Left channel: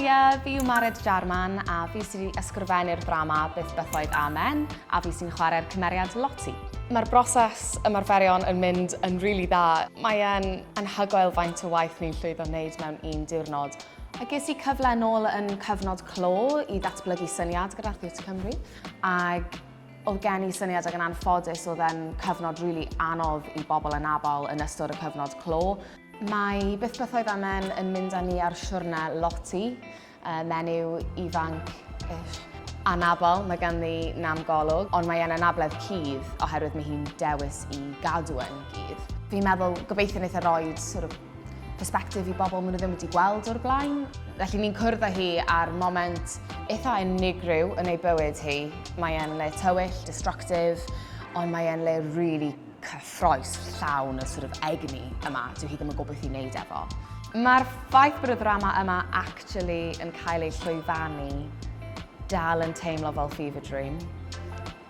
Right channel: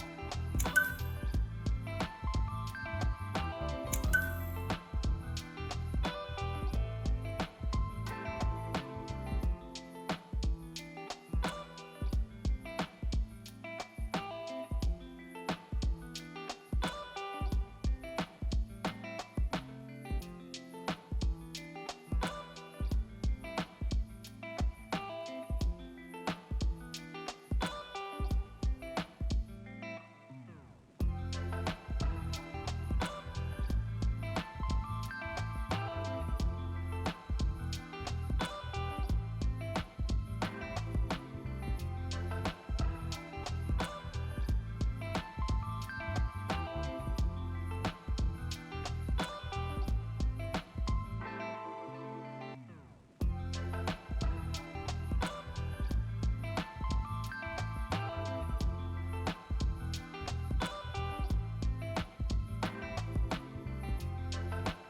Haia, fi yw Jarman a fi sydd wedi ysgrifennu'r drama Byth Bythoedd Amen a fi sy'n chwarae'r cymeriad Lottie. Mae'r broses ymarferion yn mynd yn rili dda. Mae'n anhygoel faint o waith ni'n llwyddo wneud mewn un diwrnod. A ges i cyfle nôl yn cyfnod clo i ddatblygu syniad gyda'r Theatr Cymru. Ac oedd gen i syniad ac yn anffodus oedd e'n cyfnod rili anodd i bobl yn abol yn ystod y cyfnod clo. Mae Byth Bythoedd Amen yn mynd â ni ar siwrne Lottie, menyw ifanc anabl, mae ganddi nam golwg, ond mae e'n anabledd cudd oherwydd mae hi'n dewis i gadw yn cudd. Fi'n meddwl gobeithio wneith e roed perspectif i bobl maen nhw ddim wedi gweld o'r blaen. Felly ni'n cwrdd â hi ar moment eitha unigryw yn ei bywyd hi. Mae e'n le tywyll, destructive, ond mae e'n le rili cyffroes llawn y egni yma, dyw hi ddim yn gwybod beth i wneud efo. Mae'r ffaith bod y drama yma actually yn cael ei llwyfannu dal yn teimlo fel fever dream.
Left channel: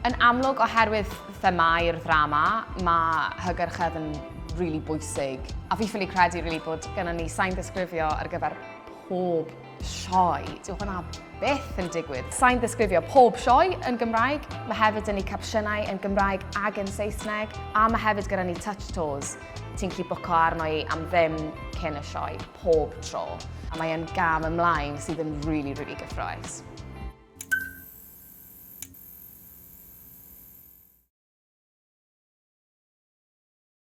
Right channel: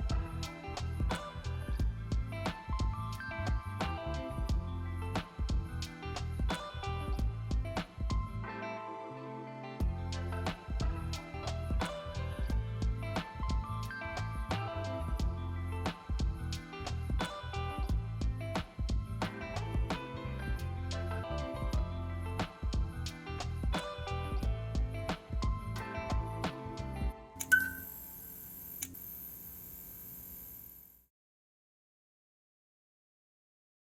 Yn amlwg oherwydd themau'r drama, mae hygyrchedd yn rili bwysig. A fi ffili credu rili bod gennym ni sain ddisgrifio ar gyfer pob sioe. Dyw hwnna byth yn digwydd. Sain ddisgrifio pob sioe yn Gymraeg. Mae hefyd yn ei capsiynau yn Gymraeg ac yn Saesneg. A mae hefyd gyda ni touch tours. Ti'n gallu bwco arno i am ddim cyn y sioe, pob tro. A mae e'n gam ymlaen sydd yn rili gyffroes.